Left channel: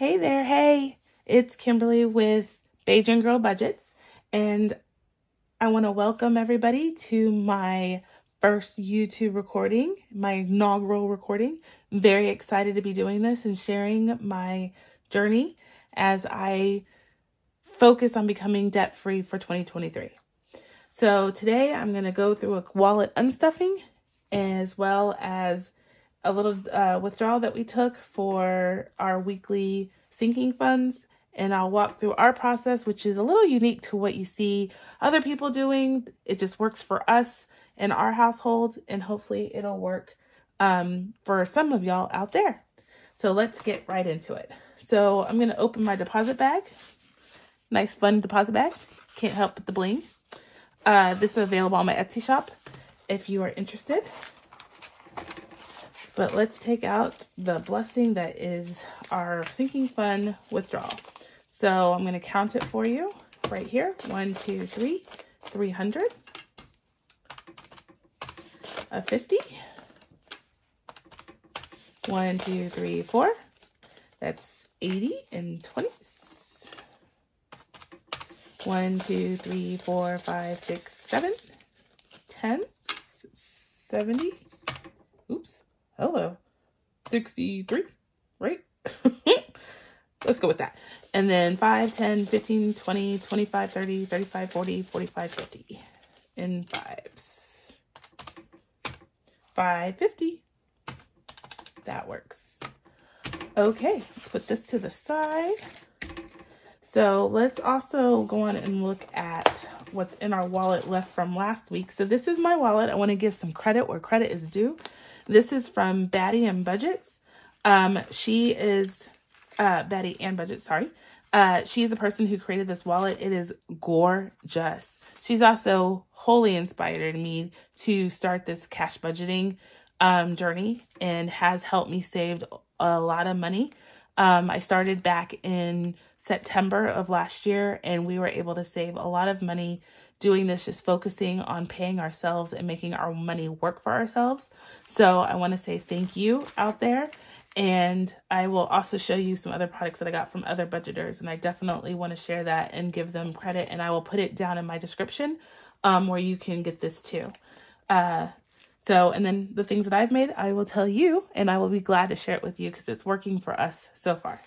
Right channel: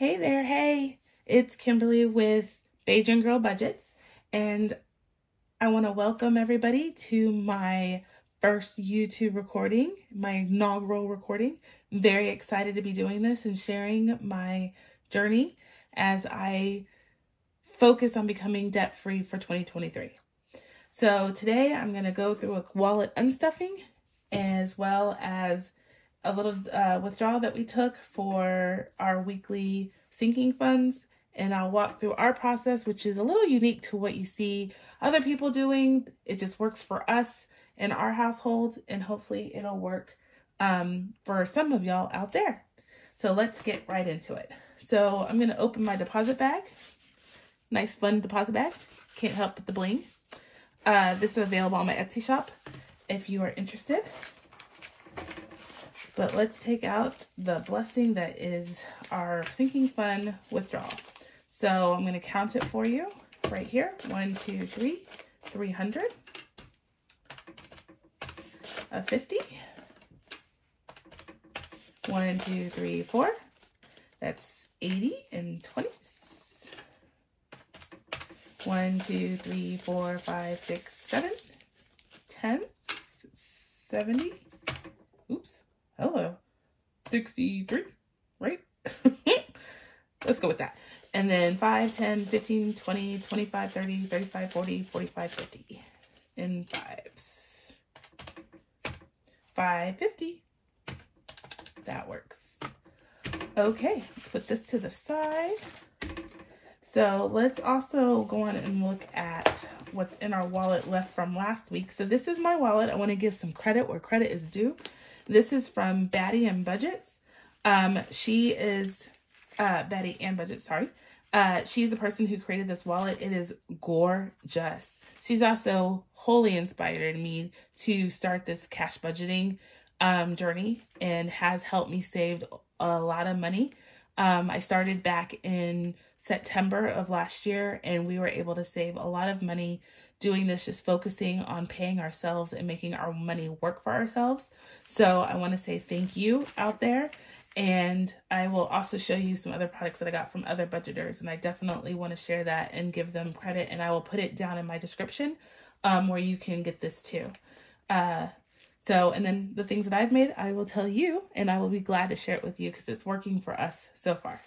Hey there, hey, it's Kimberly with Bajan Girl Budgets, and I want to welcome everybody to my first YouTube recording, my inaugural recording. I'm very excited to be doing this and sharing my journey as I focus on becoming debt-free for 2023. So today I'm going to go through a wallet unstuffing as well as a little withdrawal that we took for our weekly sinking funds, and I'll walk through our process, which is a little unique to what you see other people doing. It just works for us in our household, and hopefully it'll work for some of y'all out there. So let's get right into it. So I'm going to open my deposit bag. Nice fun deposit bag. Can't help but the bling. This is available on my Etsy shop if you are interested. But let's take out the blessing that is our sinking fund withdrawal. So I'm going to count it for you right here. 1, 2, 3, 300, a 50, 1, 2, 3, 4. That's 80 and 20s. 1, 2, 3, 4, 5, 6, 7, 10, 70. Oops. Hello. 63, right? Let's go with that. And then 5, 10, 15, 20, 25, 30, 35, 40, 45, 50 in fives. 550. That works. Okay, let's put this to the side. So let's also go on and look at what's in our wallet left from last week. So this is my wallet. I want to give some credit where credit is due. This is from Batty and Budgets. She is, Batty and Budgets, sorry. She's the person who created this wallet. It is gorgeous. She's also wholly inspired me to start this cash budgeting journey and has helped me save a lot of money. I started back in September of last year, and we were able to save a lot of money doing this, just focusing on paying ourselves and making our money work for ourselves. So I want to say thank you out there. And I will also show you some other products that I got from other budgeters. And I definitely want to share that and give them credit. And I will put it down in my description where you can get this too. And then the things that I've made, I will tell you, and I will be glad to share it with you because it's working for us so far.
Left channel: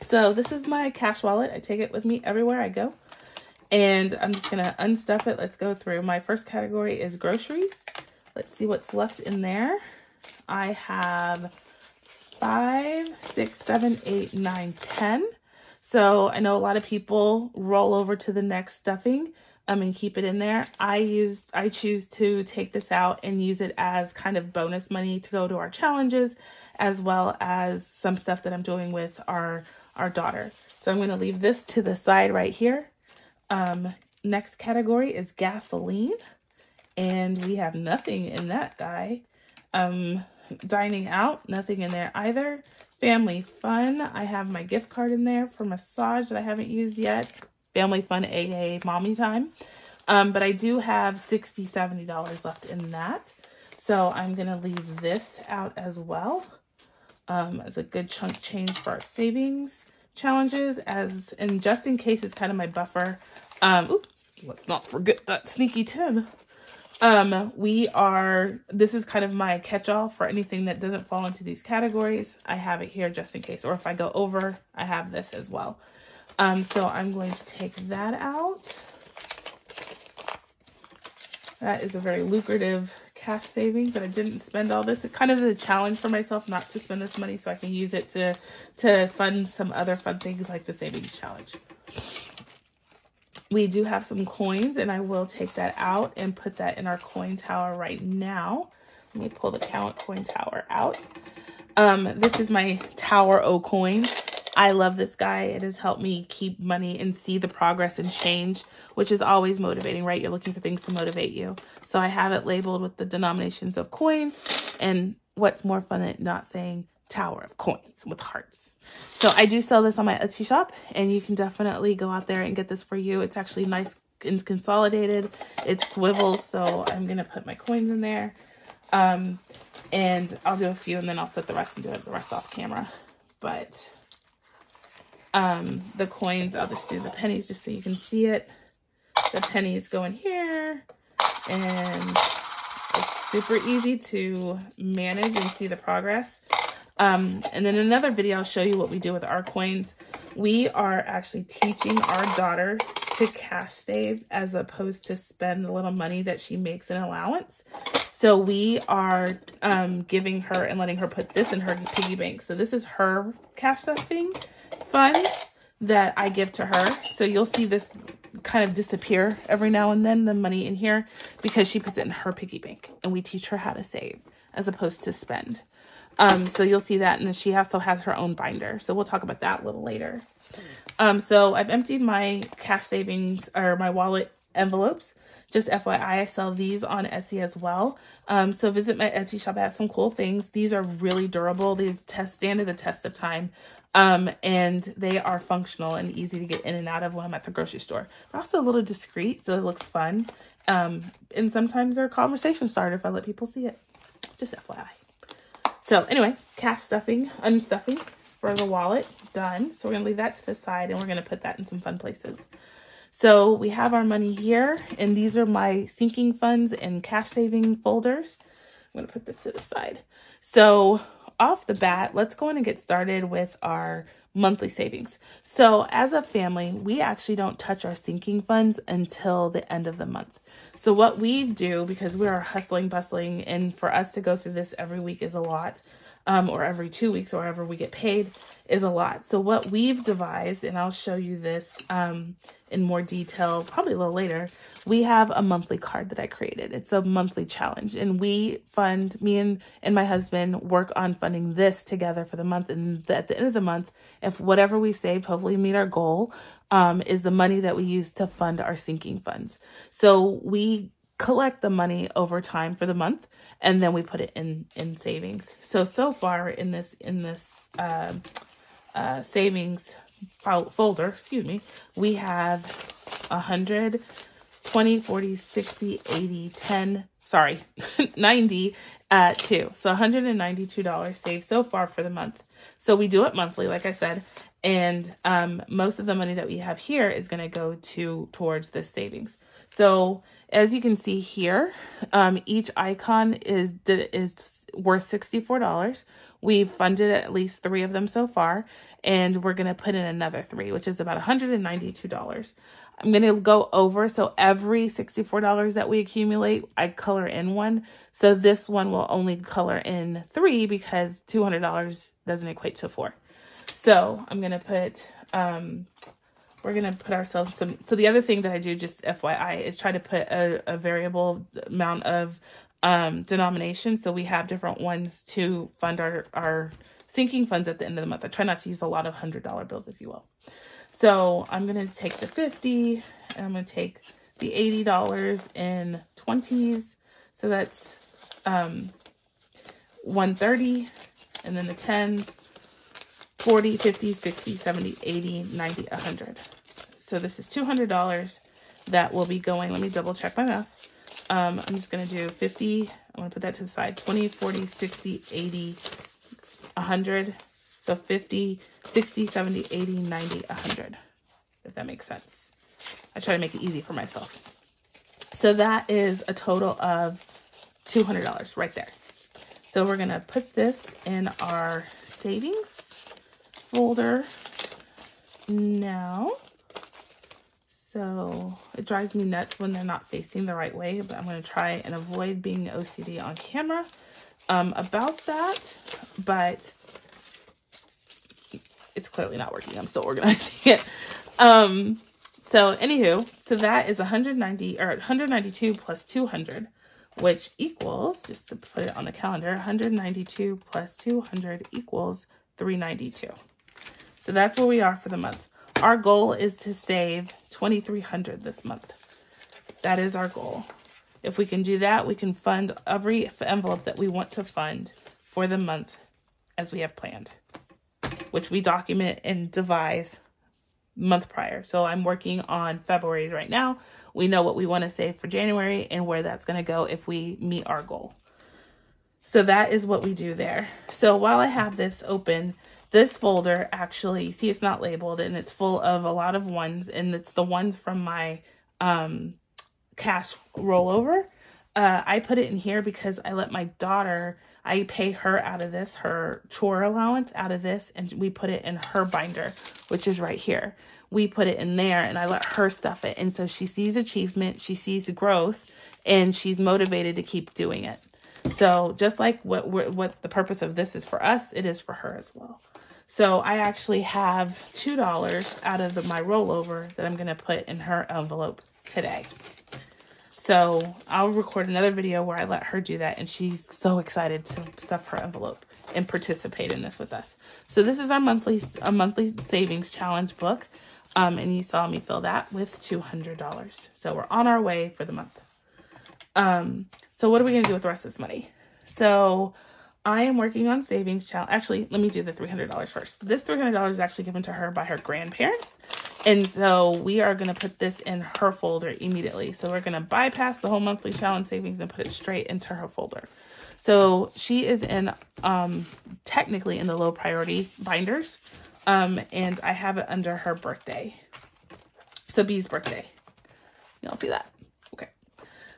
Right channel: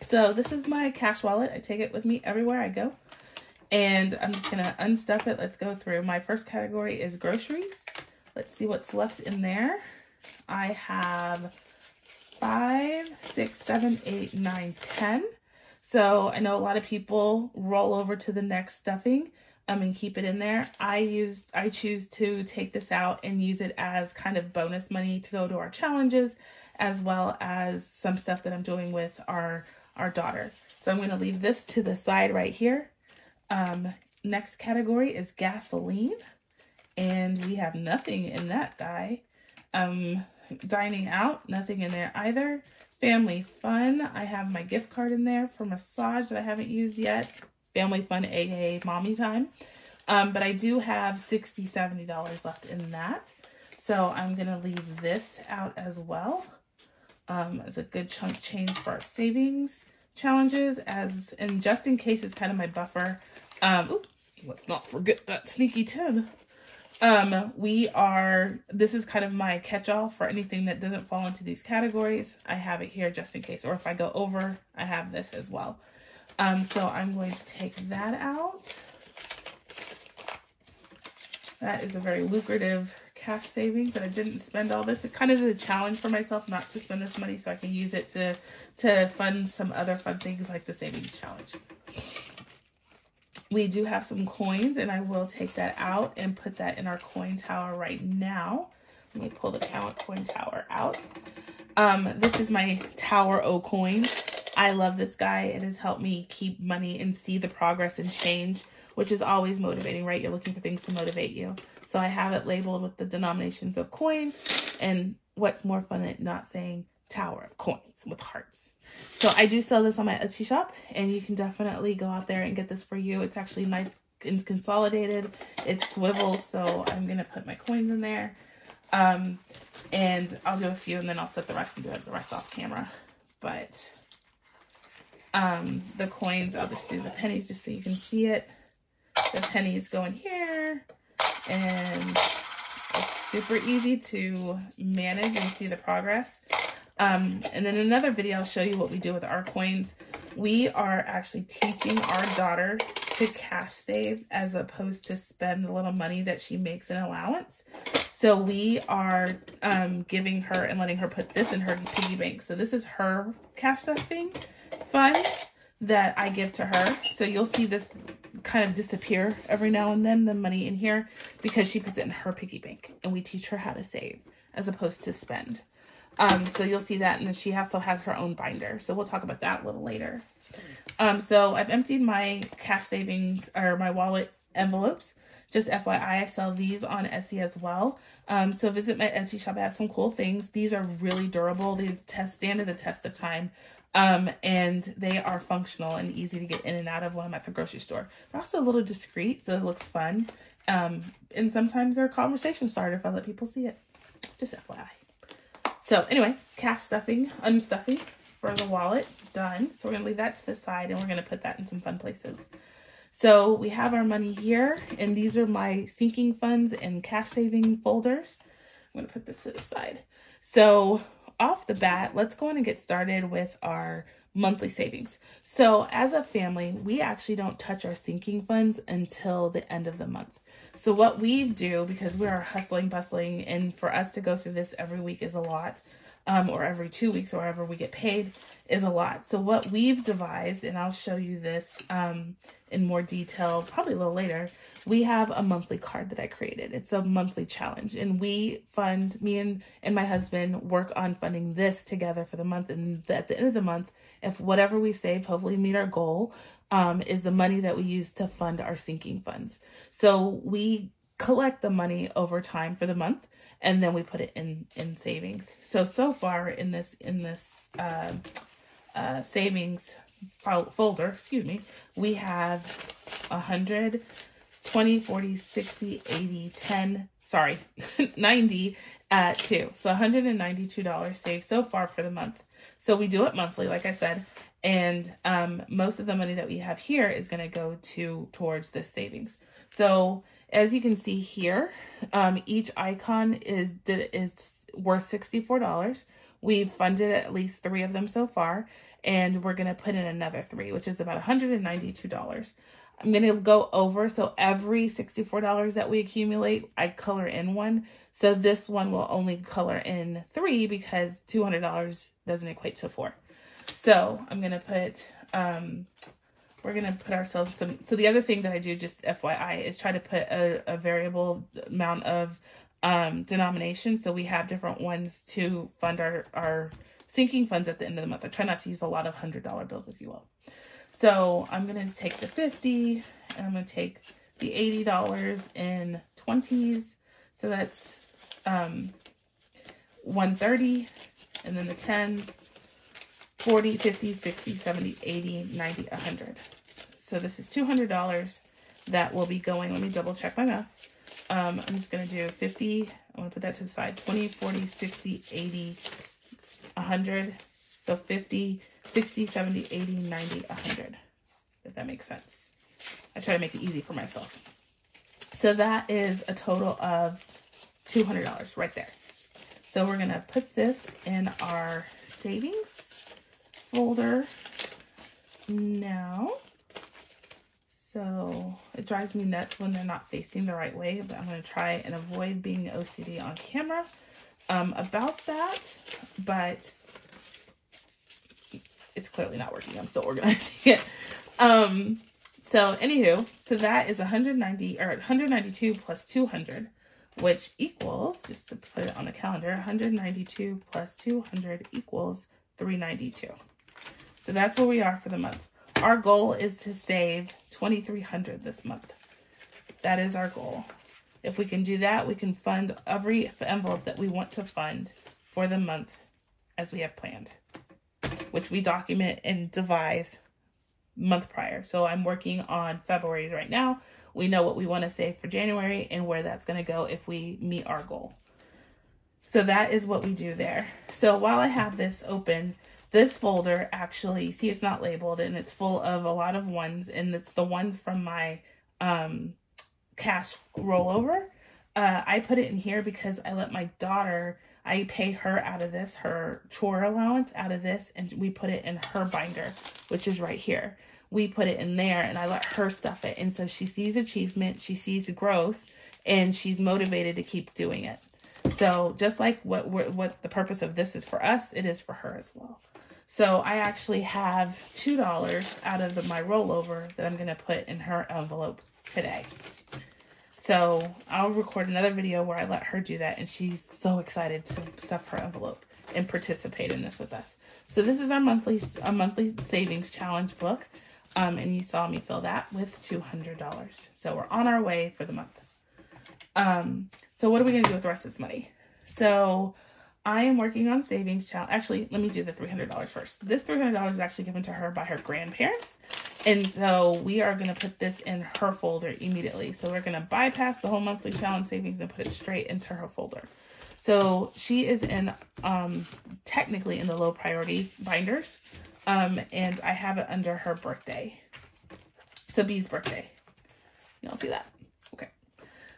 So this is my cash wallet. I take it with me everywhere I go. And I'm just going to unstuff it. Let's go through. My first category is groceries. Let's see what's left in there. I have 5, 6, 7, 8, 9, 10. So I know a lot of people roll over to the next stuffing and keep it in there. I choose to take this out and use it as kind of bonus money to go to our challenges, as well as some stuff that I'm doing with our daughter. So I'm going to leave this to the side right here. Next category is gasoline, and we have nothing in that guy. Dining out, nothing in there either. Family fun, I have my gift card in there for massage that I haven't used yet. Family fun, aka mommy time. But I do have $60, $70 left in that. So I'm gonna leave this out as well. As a good chunk change for our savings challenges, and just in case it's kind of my buffer. Let's not forget that sneaky 10. This is kind of my catch-all for anything that doesn't fall into these categories. I have it here just in case, or if I go over, I have this as well. So I'm going to take that out. That is a very lucrative cash savings that I didn't spend all this. It kind of is a challenge for myself not to spend this money so I can use it to fund some other fun things like the savings challenge. We do have some coins, and I will take that out and put that in our coin tower right now. Let me pull the coin tower out. This is my Tower O coin. I love this guy. It has helped me keep money and see the progress and change, which is always motivating, right? You're looking for things to motivate you. So I have it labeled with the denominations of coins, and what's more fun than not saying Tower of Coins with hearts. So I do sell this on my Etsy shop, and you can definitely go out there and get this for you. It's actually nice and consolidated. It swivels, so I'm going to put my coins in there. And I'll do a few, and then I'll set the rest and do it the rest off camera. But the coins. I'll just do the pennies just so you can see it. The pennies go in here, and it's super easy to manage and see the progress. And then another video, I'll show you what we do with our coins. We are actually teaching our daughter to cash save as opposed to spend the little money that she makes in allowance. So we are giving her and letting her put this in her piggy bank. So this is her cash stuffing fund that I give to her. So you'll see this kind of disappear every now and then, the money in here, because she puts it in her piggy bank, and we teach her how to save as opposed to spend. So you'll see that, and then she also has her own binder. So we'll talk about that a little later. So I've emptied my cash savings, or my wallet envelopes. Just FYI, I sell these on Etsy as well. So visit my Etsy shop. I have some cool things. These are really durable. They stand the test of time. And they are functional and easy to get in and out of when I'm at the grocery store. They're also a little discreet, so it looks fun. And sometimes they're a conversation starter if I let people see it. Just FYI. So anyway, cash stuffing, unstuffing for the wallet, done. So we're gonna leave that to the side, and we're gonna put that in some fun places. So we have our money here, and these are my sinking funds and cash saving folders. I'm gonna put this to the side. So off the bat, let's go in and get started with our monthly savings. So as a family, we actually don't touch our sinking funds until the end of the month. So what we do, because we are hustling, bustling, and for us to go through this every week is a lot, or every 2 weeks, or wherever we get paid is a lot. So what we've devised, and I'll show you this in more detail probably a little later, we have a monthly card that I created. It's a monthly challenge, and we fund, me and my husband work on funding this together for the month, and at the end of the month, if whatever we've saved, hopefully meet our goal, is the money that we use to fund our sinking funds. So we collect the money over time for the month, and then we put it in savings. So far in this savings folder, excuse me, we have 100, 20, 40, 60, 80, 10, sorry, 92. So $192 saved so far for the month. So we do it monthly, like I said, and most of the money that we have here is going to go towards this savings. So as you can see here, each icon is worth $64. We've funded at least 3 of them so far, and we're going to put in another 3, which is about $192. I'm going to go over, so every $64 that we accumulate, I color in one. So this one will only color in 3 because $200 doesn't equate to 4. So I'm going to put, we're going to put ourselves some, so the other thing that I do, just FYI, is try to put a variable amount of denomination. So we have different ones to fund our sinking funds at the end of the month. I try not to use a lot of $100 bills, if you will. So I'm going to take the 50, and I'm going to take the $80 in 20s. So that's 130, and then the 10s, 40, 50, 60, 70, 80, 90, 100. So this is $200 that will be going. Let me double check my math. I'm just going to do 50. I'm going to put that to the side. 20, 40, 60, 80, 100. So 50, 60, 70, 80, 90, 100. If that makes sense. I try to make it easy for myself. So that is a total of $200 right there. So we're going to put this in our savings folder now. So it drives me nuts when they're not facing the right way, but I'm going to try and avoid being OCD on camera about that, but it's clearly not working. I'm still organizing it. So anywho, so that is 192 plus 200, which equals, just to put it on the calendar, 192 plus 200 equals 392. So that's where we are for the month. Our goal is to save $2,300 this month. That is our goal. If we can do that, we can fund every envelope that we want to fund for the month as we have planned, which we document and devise month prior. So I'm working on February right now. We know what we want to save for January and where that's going to go if we meet our goal. So that is what we do there. So while I have this open, This folder actually, you see it's not labeled, and it's full of a lot of ones, and it's the ones from my cash rollover. I put it in here because I let my daughter, I pay her out of this, her chore allowance out of this, and we put it in her binder, which is right here. We put it in there, and I let her stuff it. And so she sees achievement, she sees growth, and she's motivated to keep doing it. So just like what the purpose of this is for us, it is for her as well. So I actually have $2 out of my rollover that I'm going to put in her envelope today. So I'll record another video where I let her do that, and she's so excited to stuff her envelope and participate in this with us. So this is our monthly savings challenge book, and you saw me fill that with $200. So we're on our way for the month. So what are we going to do with the rest of this money? So I am working on savings challenge. Actually, let me do the $300 first. This $300 is actually given to her by her grandparents. And so we are going to put this in her folder immediately. So we're going to bypass the whole monthly challenge savings and put it straight into her folder. So she is in, technically in the low priority binders. And I have it under her birthday. So B's birthday. Y'all see that? Okay.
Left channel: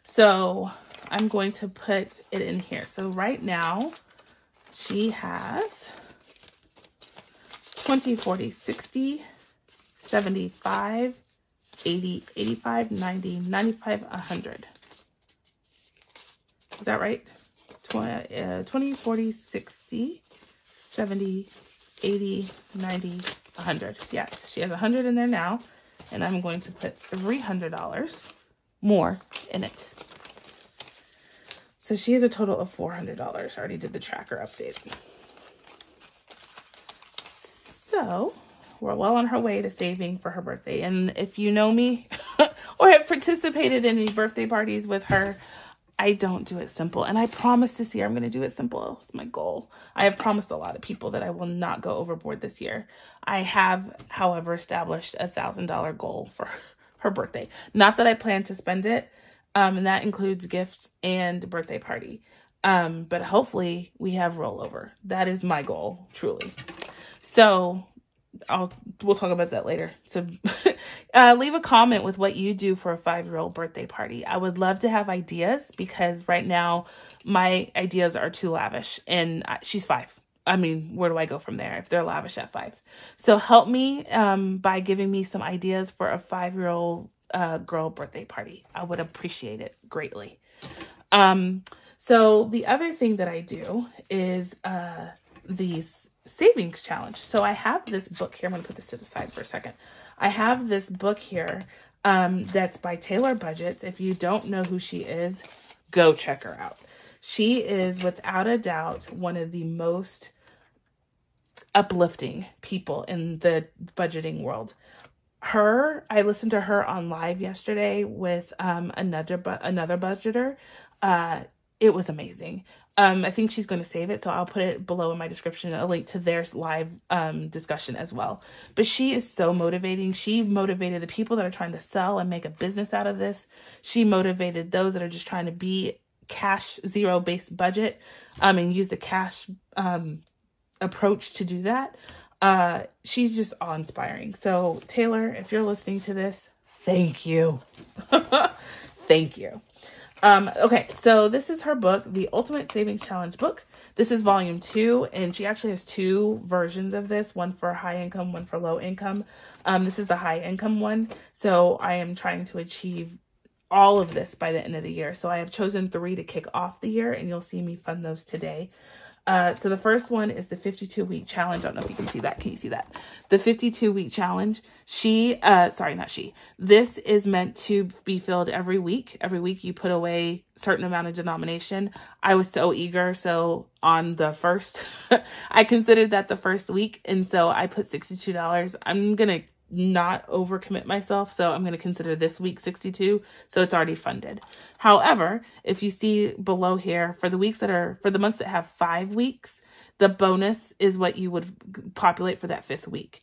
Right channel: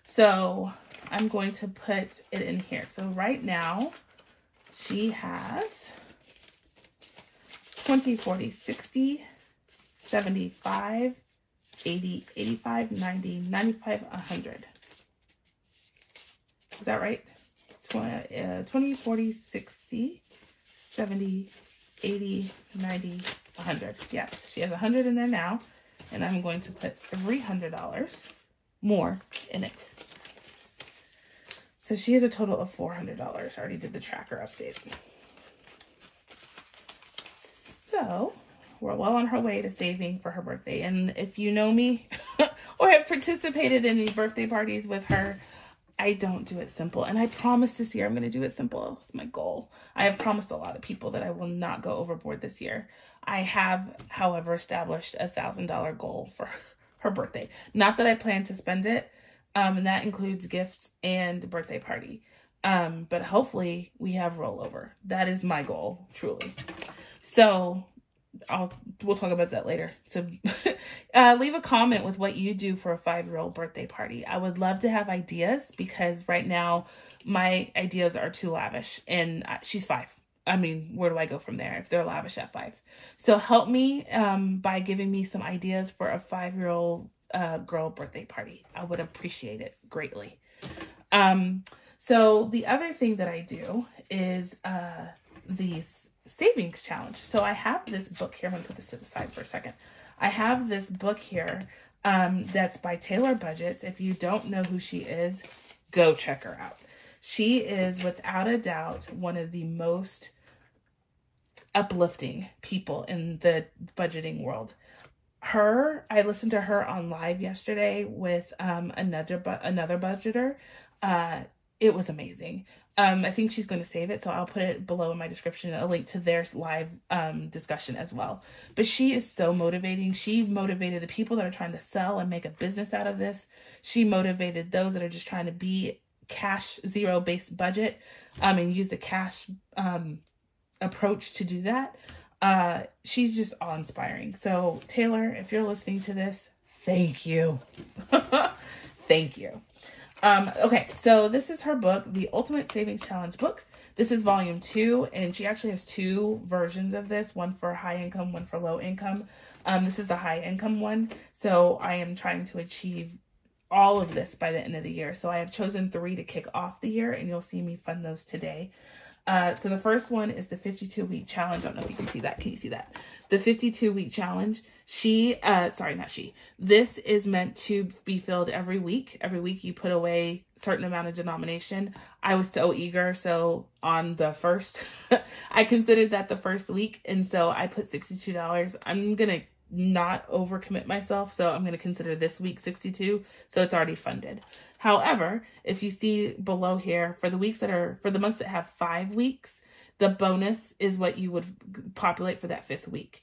So I'm going to put it in here. So right now she has 20, 40, 60, 75, 80, 85, 90, 95, 100. Is that right? 20, 40, 60, 70, 80, 90, 100. Yes, she has 100 in there now. And I'm going to put $300 more in it. So she has a total of $400. I already did the tracker update. So we're well on her way to saving for her birthday. And if you know me or have participated in any birthday parties with her, I don't do it simple. And I promise this year I'm going to do it simple. It's my goal. I have promised a lot of people that I will not go overboard this year. I have, however, established a $1,000 goal for her birthday. Not that I plan to spend it. And that includes gifts and birthday party. But hopefully we have rollover. That is my goal, truly. So we'll talk about that later. So leave a comment with what you do for a 5-year-old birthday party. I would love to have ideas because right now my ideas are too lavish, and she's 5. I mean, where do I go from there if they're lavish at 5? So help me by giving me some ideas for a 5-year-old girl birthday party. I would appreciate it greatly. So the other thing that I do is these savings challenge. So I have this book here. I'm gonna put this to the side for a second. I have this book here that's by Taylor Budgets. If you don't know who she is, go check her out. She is without a doubt one of the most uplifting people in the budgeting world. I listened to her on live yesterday with another budgeter. It was amazing. I think she's going to save it, so I'll put it below in my description, a link to their live discussion as well. But she is so motivating. She motivated the people that are trying to sell and make a business out of this. She motivated those that are just trying to be cash zero based budget and use the cash approach to do that. She's just awe-inspiring. So Taylor, if you're listening to this, thank you. Thank you. Okay, so this is her book, The Ultimate Savings Challenge Book. This is volume 2, and she actually has 2 versions of this, one for high income, one for low income. This is the high income one. So I am trying to achieve all of this by the end of the year. So I have chosen 3 to kick off the year, and you'll see me fund those today. So the first one is the 52-week challenge. I don't know if you can see that. Can you see that? The 52-week challenge. This is meant to be filled every week. Every week you put away a certain amount of denomination. I was so eager. So on the first, I considered that the first week. And so I put $62. I'm going to not overcommit myself. So I'm going to consider this week 62. So it's already funded. However, if you see below here, for the months that have 5 weeks, the bonus is what you would populate for that 5th week.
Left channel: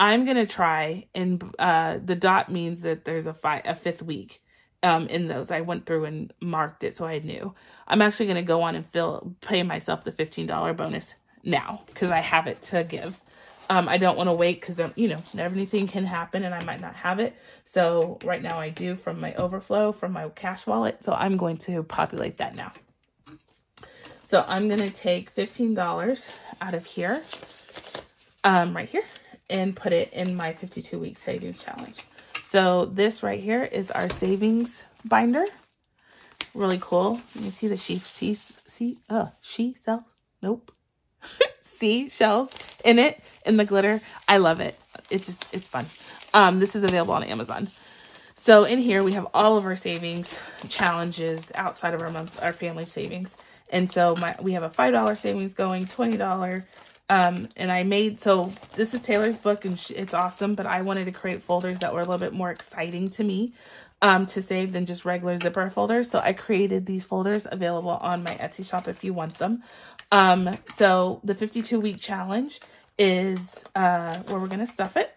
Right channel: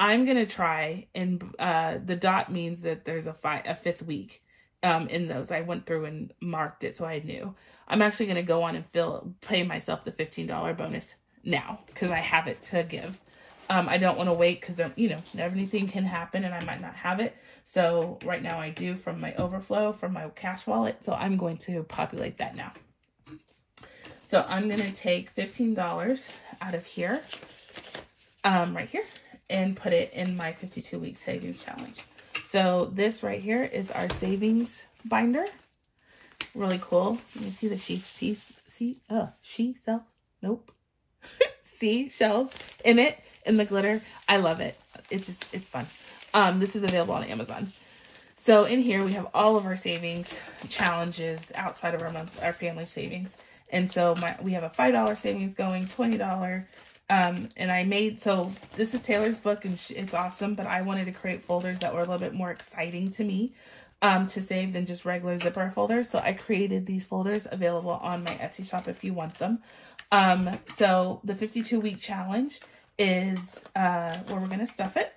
I'm going to try, and the dot means that there's a 5th week in those. I went through and marked it so I knew. I'm actually going to go on and pay myself the $15 bonus now because I have it to give. I don't want to wait because, you know, everything can happen and I might not have it. So right now I do from my overflow, from my cash wallet. So I'm going to populate that now. So I'm going to take $15 out of here, right here, and put it in my 52-week savings challenge. So this right here is our savings binder. Really cool. You can see the seashells in it, in the glitter. I love it. It's fun. This is available on Amazon. So in here we have all of our savings challenges outside of our family savings. And so we have a $5 savings going, $20. And so this is Taylor's book and it's awesome, but I wanted to create folders that were a little bit more exciting to me to save than just regular zipper folders. So I created these folders available on my Etsy shop if you want them. So the 52-week challenge is where we're going to stuff it.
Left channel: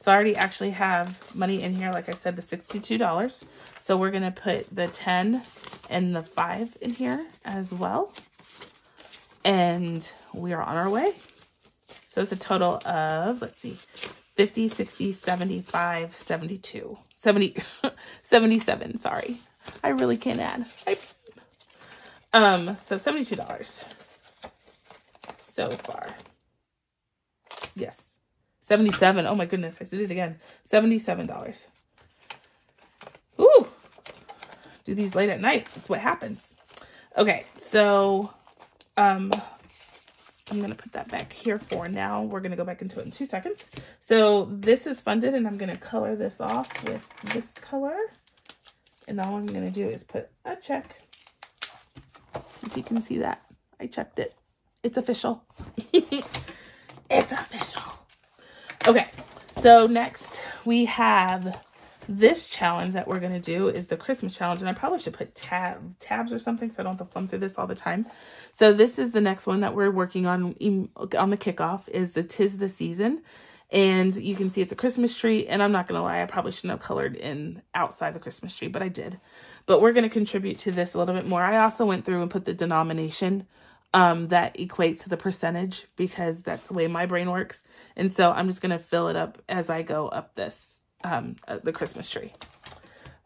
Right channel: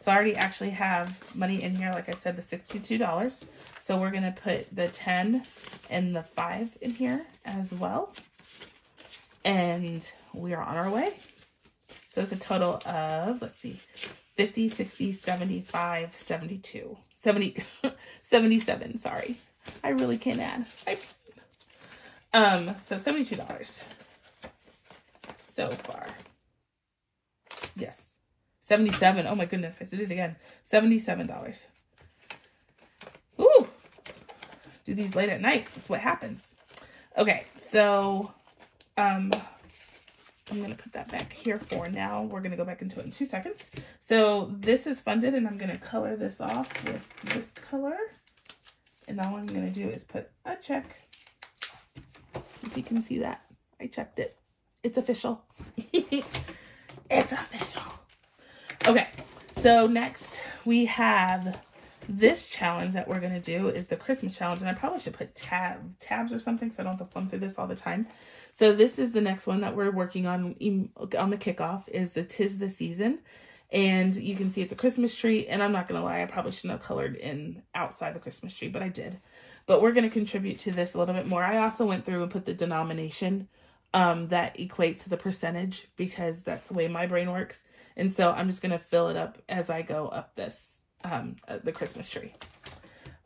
So I already actually have money in here, like I said, the $62. So we're going to put the 10 and the 5 in here as well. And we are on our way. So it's a total of, let's see, 50, 60, 75, 72, 70, 77, sorry. I really can't add. So $72 so far. Yes. 77. Oh my goodness, I did it again. $77. Ooh. Do these late at night. That's what happens. Okay, so I'm going to put that back here for now. We're going to go back into it in 2 seconds. So this is funded and I'm going to color this off with this color. And all I'm going to do is put a check. See if you can see that. I checked it. It's official. It's official. Okay, so next we have this challenge that we're going to do is the Christmas challenge. And I probably should put tabs or something so I don't have to flunk through this all the time. So this is the next one that we're working on the kickoff is the 'Tis the Season. And you can see it's a Christmas tree. And I'm not going to lie, I probably shouldn't have colored in outside the Christmas tree, but I did. But we're going to contribute to this a little bit more. I also went through and put the denomination that equates to the percentage because that's the way my brain works. And so I'm just going to fill it up as I go up this, the Christmas tree.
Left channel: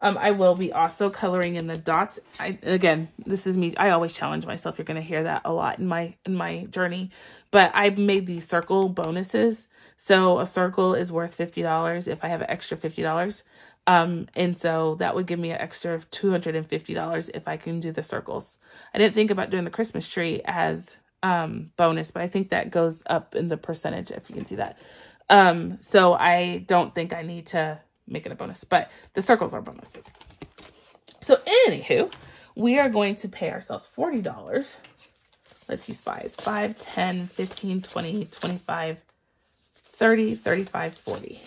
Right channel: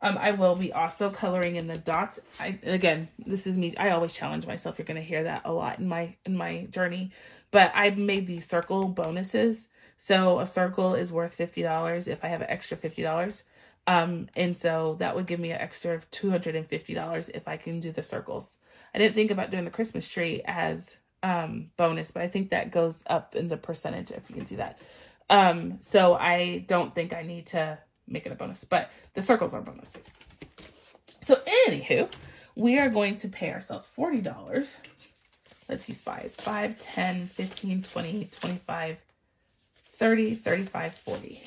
I will be also coloring in the dots. Again, this is me. I always challenge myself. You're going to hear that a lot in my journey, but I've made these circle bonuses. So a circle is worth $50 if I have an extra $50. And so that would give me an extra of $250 if I can do the circles. I didn't think about doing the Christmas tree as bonus, but I think that goes up in the percentage if you can see that. So I don't think I need to make it a bonus, but the circles are bonuses. So anywho, we are going to pay ourselves $40. Let's use 5s. 5, 10, 15, 20, 25, 30, 35, 40.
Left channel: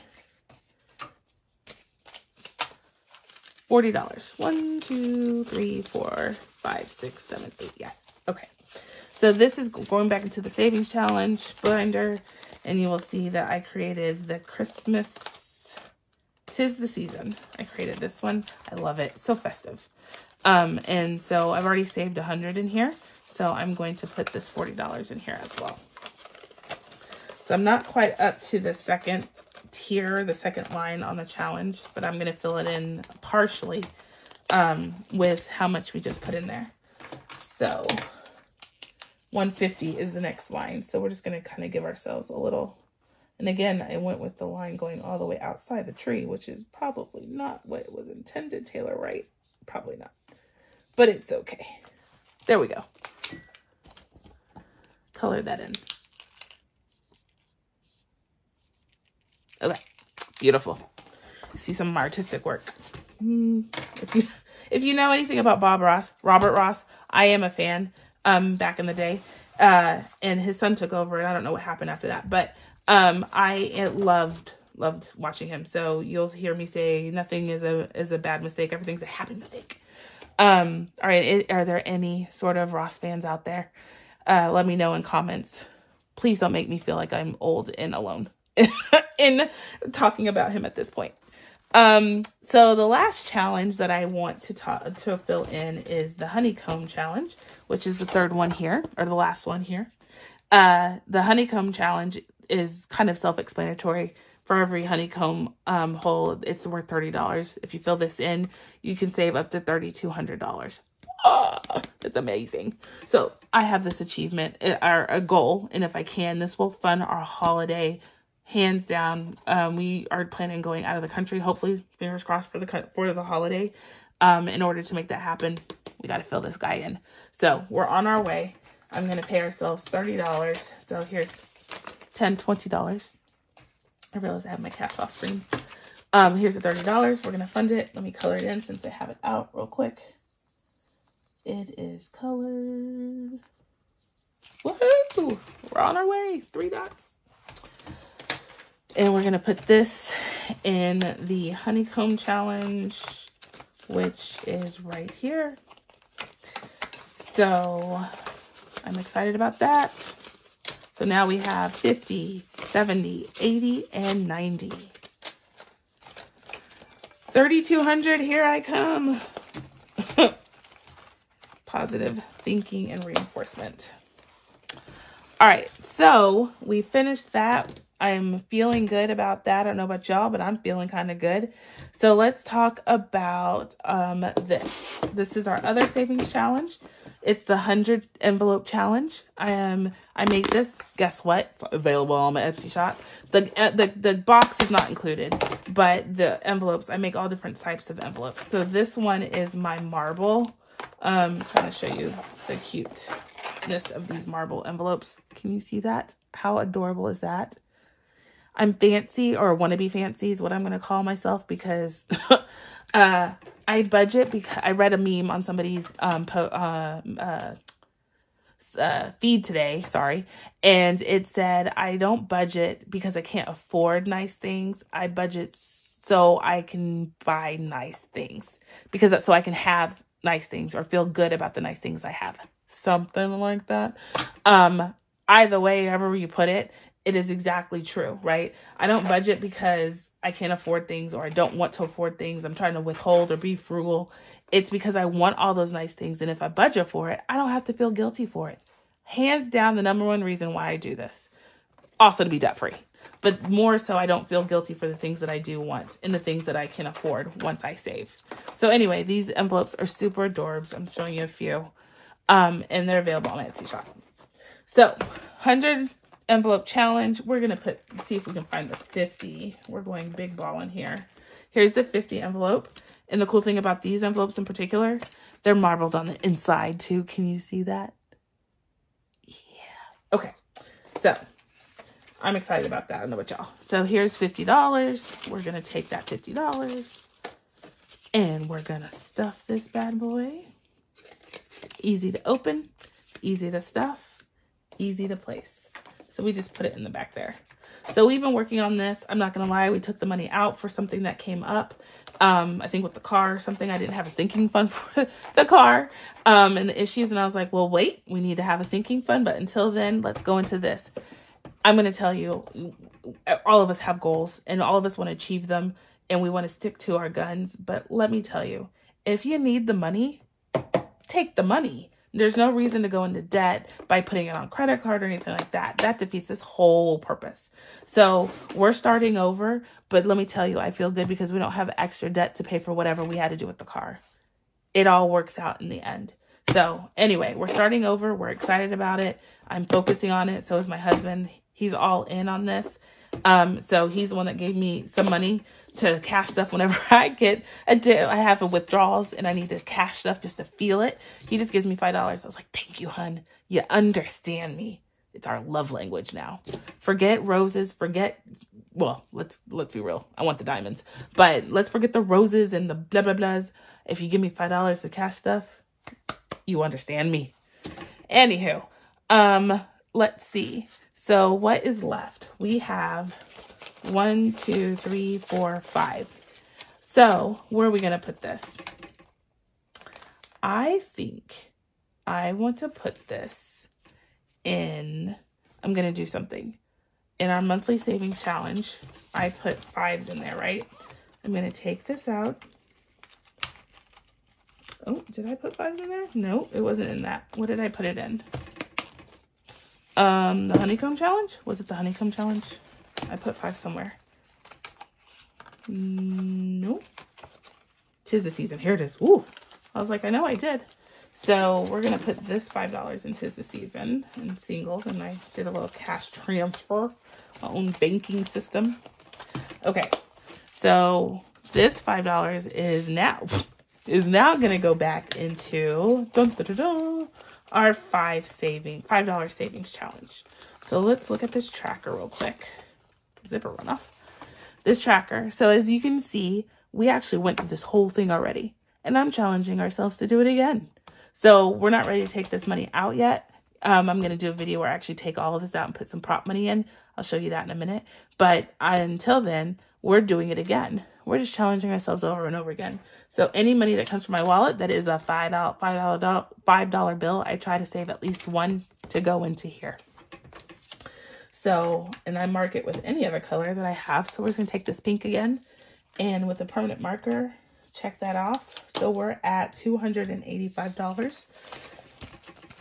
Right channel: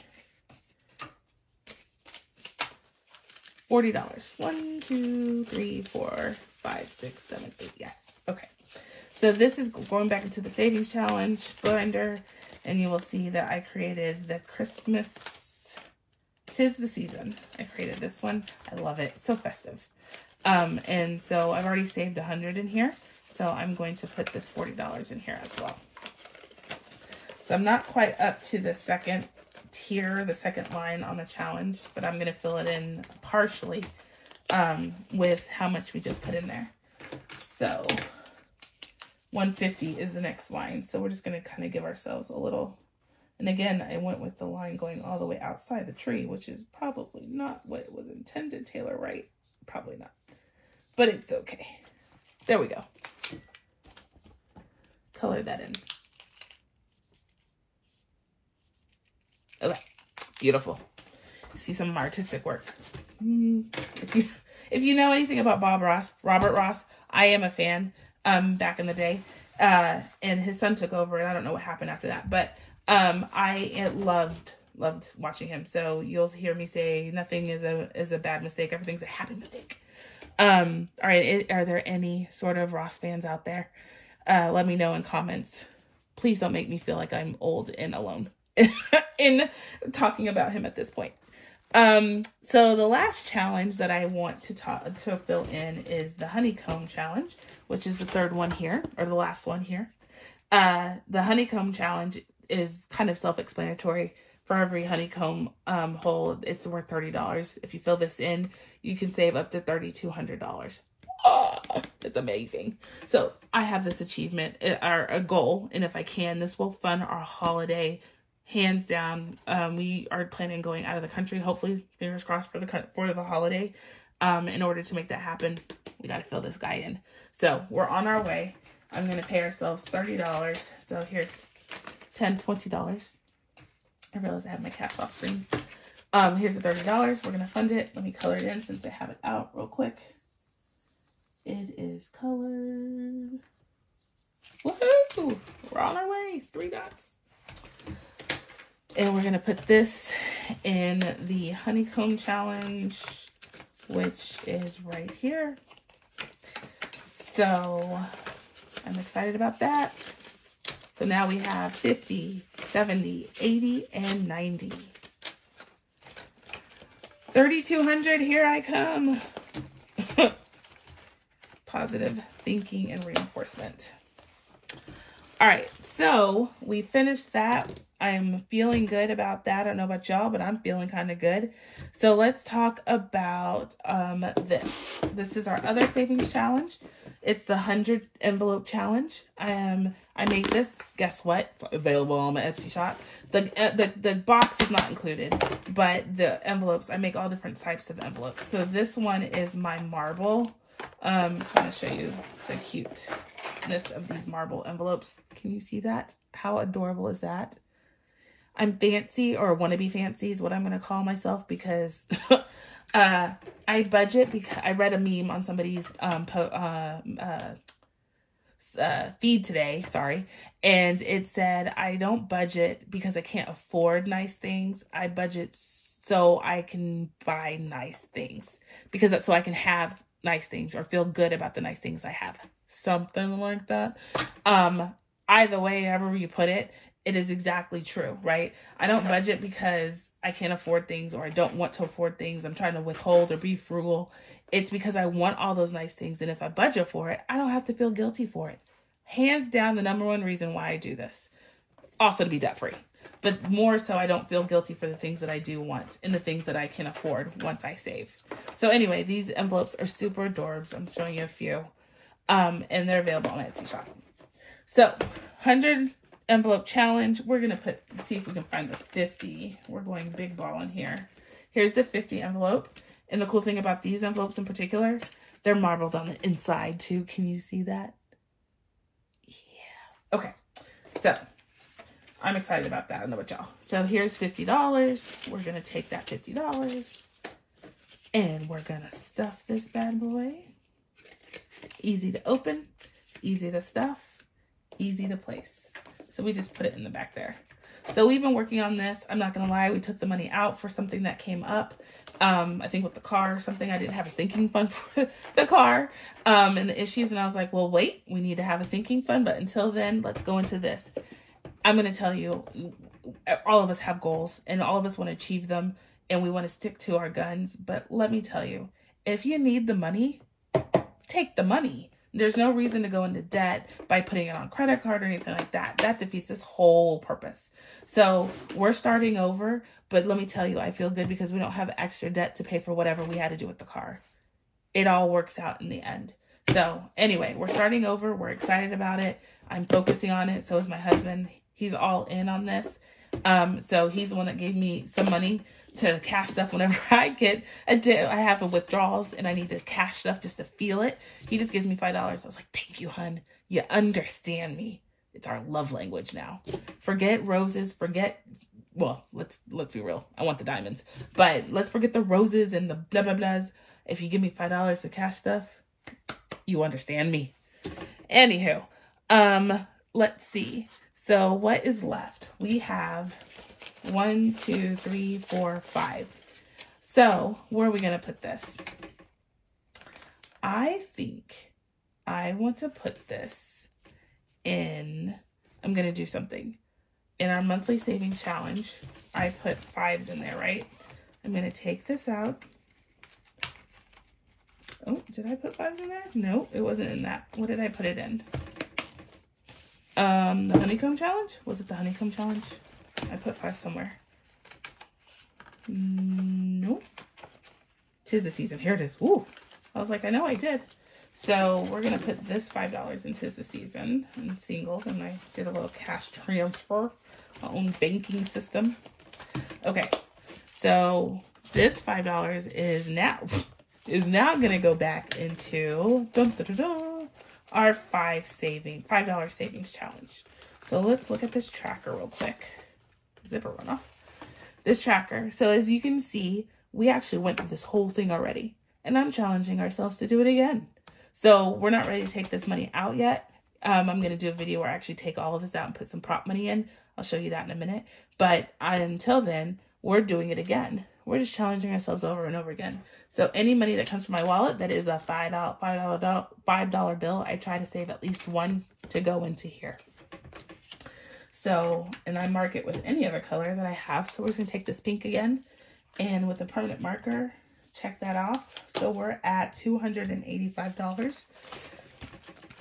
$40. 1, 2, 3, 4, 5, 6, 7, 8. Yes. Okay. So this is going back into the savings challenge binder, and you will see that I created the Christmas 'Tis the Season. I created this one. I love it. So festive. And so I've already saved 100 in here. So I'm going to put this $40 in here as well. So I'm not quite up to the second tier, the second line on the challenge, but I'm going to fill it in partially with how much we just put in there. So 150 is the next line. So we're just going to kind of give ourselves a little, and again, I went with the line going all the way outside the tree, which is probably not what it was intended, Taylor, right? Probably not, but it's okay. There we go. Color that in. Okay, beautiful. See some artistic work. If you know anything about Robert Ross, I am a fan. Back in the day, and his son took over, and I don't know what happened after that. But I loved watching him. So you'll hear me say nothing is a bad mistake. Everything's a happy mistake. All right, are there any sort of Ross fans out there? Let me know in comments. Please don't make me feel like I'm old and alone in talking about him at this point. So the last challenge that I want to fill in is the honeycomb challenge, which is the third one here, or the last one here. The honeycomb challenge is kind of self-explanatory. For every honeycomb hole, it's worth $30. If you fill this in, you can save up to $3,200. Oh, it's amazing. So I have this achievement, or a goal, and if I can, this will fund our holiday, hands down. We are planning going out of the country, hopefully, fingers crossed, for the holiday. In order to make that happen, we got to fill this guy in. So we're on our way. I'm going to pay ourselves $30. So here's $10, $20. I realized I have my cash off screen. Here's the $30. We're going to fund it. Let me color it in since I have it out real quick. It is colored. Woohoo! We're on our way. 3 dots. And we're going to put this in the honeycomb challenge, which is right here. So I'm excited about that. So now we have 50, 70, 80, and 90. 3,200, here I come. Positive thinking and reinforcement. All right, so we finished that. I'm feeling good about that. I don't know about y'all, but I'm feeling kind of good. So let's talk about this. This is our other savings challenge. It's the 100 envelope challenge. I made this, guess what? Available on my Etsy shop. The box is not included, but the envelopes, I make all different types of envelopes. So this one is my marble. I'm trying to show you the cuteness of these marble envelopes. Can you see that? How adorable is that? I'm fancy, or want to be fancy is what I'm going to call myself, because I budget, because I read a meme on somebody's feed today, sorry, and it said, I don't budget because I can't afford nice things. I budget so I can buy nice things, because that's so I can have nice things or feel good about the nice things I have. Something like that. Either way, however you put it, it is exactly true, right? I don't budget because I can't afford things, or I don't want to afford things. I'm trying to withhold or be frugal. It's because I want all those nice things. And if I budget for it, I don't have to feel guilty for it. Hands down, the #1 reason why I do this. Also to be debt free, but more so I don't feel guilty for the things that I do want and the things that I can afford once I save. So anyway, these envelopes are super adorbs. I'm showing you a few. And they're available on my Etsy shop. So 100 envelope challenge. We're going to see if we can find the 50. We're going big ball in here. Here's the 50 envelope. And the cool thing about these envelopes in particular, they're marbled on the inside too. Can you see that? Yeah. Okay. So I'm excited about that. I don't know about y'all. So here's $50. We're going to take that $50 and we're going to stuff this bad boy. Easy to open, easy to stuff, easy to place. So we just put it in the back there. So we've been working on this. I'm not going to lie. We took the money out for something that came up. I think with the car or something. I didn't have a sinking fund for the car and the issues. And I was like, well, wait, we need to have a sinking fund. But until then, let's go into this. I'm going to tell you, all of us have goals and all of us want to achieve them. And we want to stick to our guns. But let me tell you, if you need the money, take the money. There's no reason to go into debt by putting it on credit card or anything like that. That defeats this whole purpose. So we're starting over, but let me tell you, I feel good because we don't have extra debt to pay for whatever we had to do with the car. It all works out in the end. So anyway, we're starting over. We're excited about it. I'm focusing on it. So is my husband. He's all in on this. So he's the one that gave me some money to cash stuff whenever I get I have a withdrawals and I need to cash stuff just to feel it. He just gives me $5. I was like, thank you, hun. You understand me. It's our love language now. Forget roses. Well, let's be real. I want the diamonds, but let's forget the roses and the blah, blah, blahs. If you give me $5 to cash stuff, you understand me. Anywho, let's see. So what is left? We have 1, 2, 3, 4, 5. So where are we going to put this? I think I want to put this in, I'm going to do something. In our monthly savings challenge, I put 5s in there, right? I'm going to take this out. Oh, did I put 5s in there? No, it wasn't in that. What did I put it in? The honeycomb challenge? Was it the honeycomb challenge? I put 5 somewhere. Nope. 'Tis the season. Here it is. Ooh. I was like, I know I did. So we're going to put this $5 in 'tis the season in singles. And I did a little cash transfer, my own banking system. Okay. So this $5 is now going to go back into our $5 savings challenge. So let's look at this tracker real quick. Zipper went off. This tracker. So as you can see, we actually went through this whole thing already. And I'm challenging ourselves to do it again. So we're not ready to take this money out yet. I'm going to do a video where I actually take all of this out and put some prop money in. I'll show you that in a minute. But until then, we're doing it again. We're just challenging ourselves over and over again. So any money that comes from my wallet that is a $5 bill, I try to save at least one to go into here. So, and I mark it with any other color that I have. So we're just going to take this pink again. And with a permanent marker, check that off. So we're at $285.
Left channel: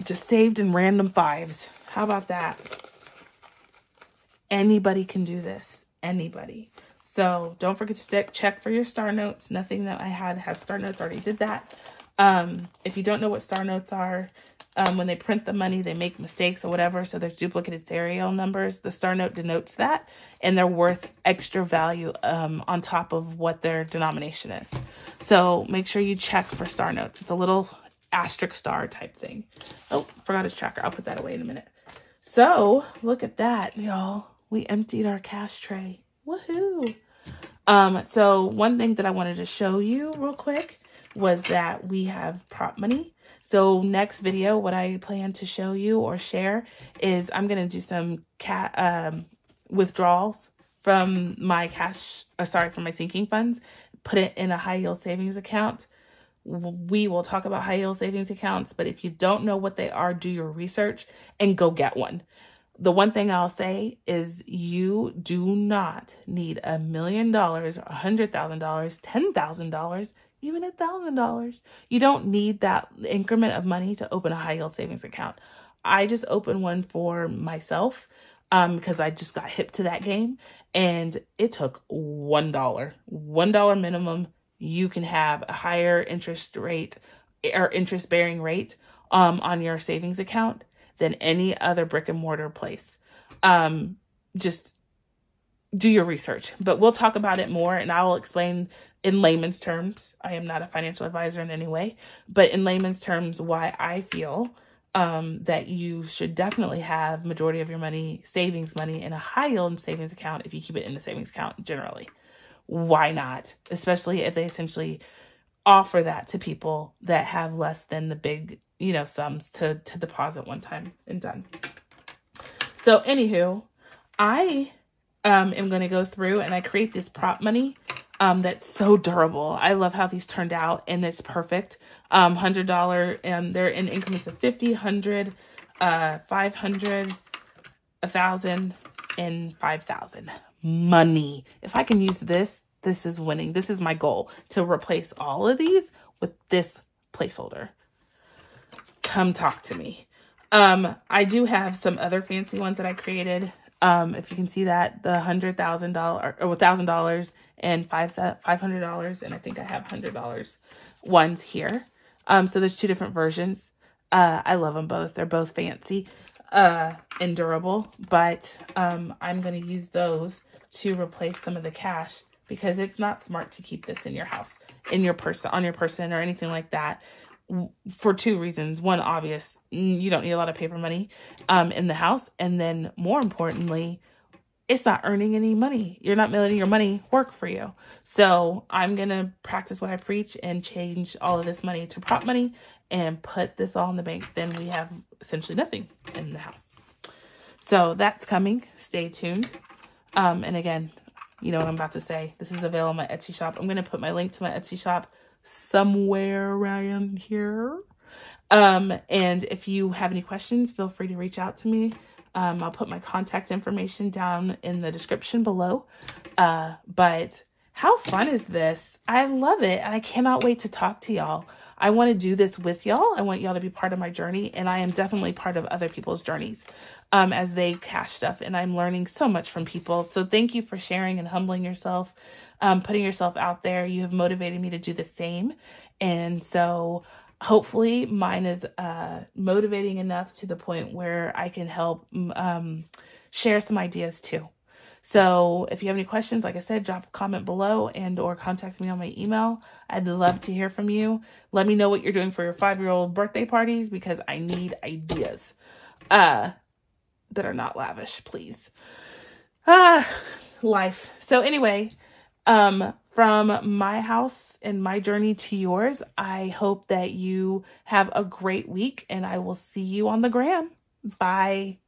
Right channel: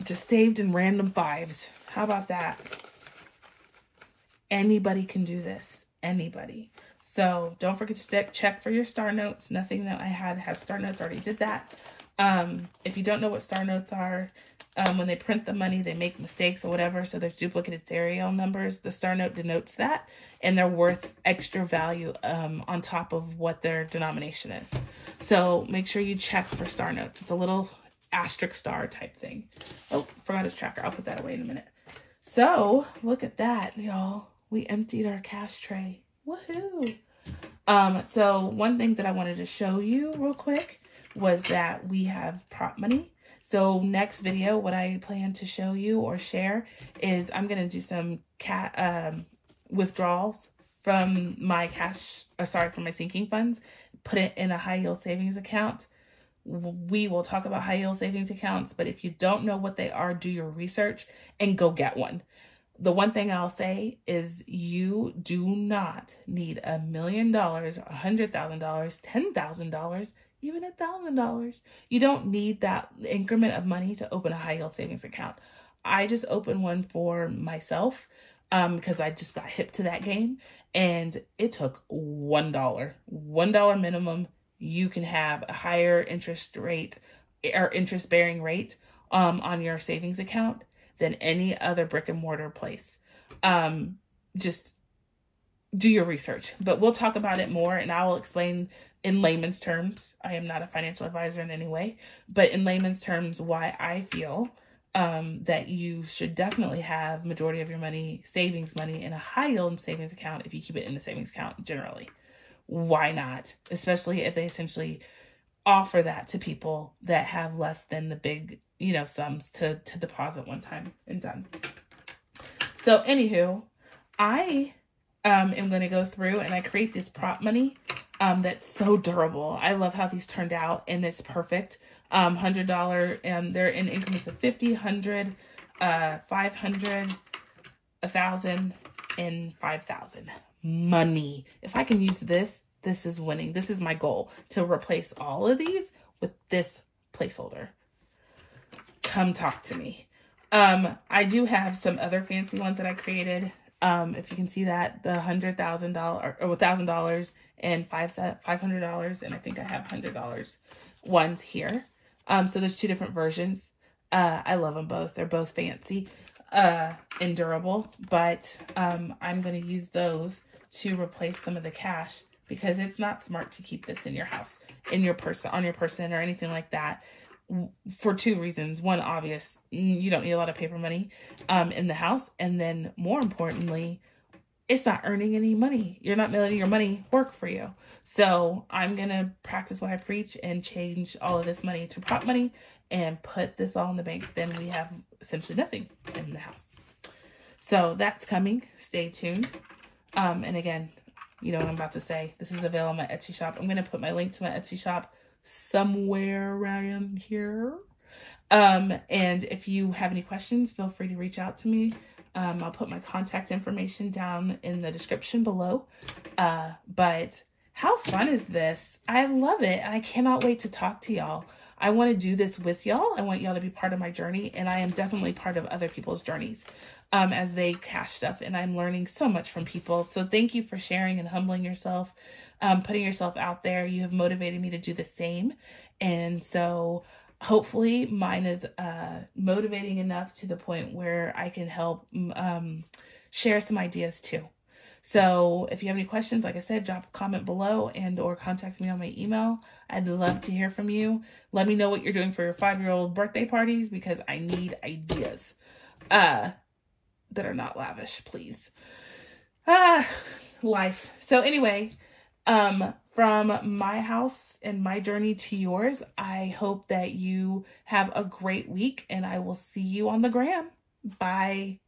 Just saved in random 5s. How about that? Anybody can do this. Anybody. So don't forget to check for your star notes. Nothing that I had have star notes. Already did that. If you don't know what star notes are, when they print the money, they make mistakes or whatever. So there's duplicated serial numbers. The star note denotes that, and they're worth extra value on top of what their denomination is. So make sure you check for star notes. It's a little asterisk star type thing. Oh, forgot his tracker. I'll put that away in a minute. So look at that, y'all. We emptied our cash tray. Woohoo! So one thing that I wanted to show you real quick was that we have prop money. So next video, what I plan to show you or share is I'm going to do some withdrawals from my from my sinking funds, put it in a high yield savings account. We will talk about high yield savings accounts, but if you don't know what they are, do your research and go get one. The one thing I'll say is you do not need $1 million, $100,000, $10,000, even $1,000. You don't need that increment of money to open a high yield savings account. I just opened one for myself because I just got hip to that game, and it took $1 minimum. You can have a higher interest rate or interest bearing rate on your savings account than any other brick and mortar place. Just do your research, but we'll talk about it more, and I will explain in layman's terms. I am not a financial advisor in any way, but in layman's terms, why I feel that you should definitely have majority of your money, savings money, in a high yield savings account if you keep it in the savings account generally. Why not? Especially if they essentially offer that to people that have less than the big, sums to deposit one time and done. So anywho, I am going to go through and I create this prop money that's so durable. I love how these turned out, and it's perfect. $100, and they're in increments of 50, 100, 500, 1,000, and 5,000. Money. If I can use this, this is winning. This is my goal, to replace all of these with this placeholder. Come talk to me. I do have some other fancy ones that I created. If you can see that, the $100,000 or $1,000 and $500, and I think I have $100 ones here. So there's 2 different versions. I love them both. They're both fancy and durable, but I'm going to use those to replace some of the cash, because it's not smart to keep this in your house, in your person, on your person, or anything like that, for 2 reasons. One, obvious, you don't need a lot of paper money in the house, and then more importantly, it's not earning any money. You're not letting your money work for you. So I'm going to practice what I preach and change all of this money to prop money and put this all in the bank. Then we have essentially nothing in the house. So that's coming. Stay tuned. And again, you know what I'm about to say. This is available on my Etsy shop. I'm going to put my link to my Etsy shop somewhere around here. And if you have any questions, feel free to reach out to me. I'll put my contact information down in the description below. But how fun is this? I love it. And I cannot wait to talk to y'all. I want to do this with y'all. I want y'all to be part of my journey, and I am definitely part of other people's journeys. as they cash stuff, and I'm learning so much from people. So thank you for sharing and humbling yourself, putting yourself out there. You have motivated me to do the same. And so hopefully mine is motivating enough to the point where I can help share some ideas too. So if you have any questions, like I said, drop a comment below and or contact me on my email. I'd love to hear from you. Let me know what you're doing for your 5-year-old birthday parties, because I need ideas that are not lavish, please. Life. So anyway, from my house and my journey to yours, I hope that you have a great week, and I will see you on the gram. Bye.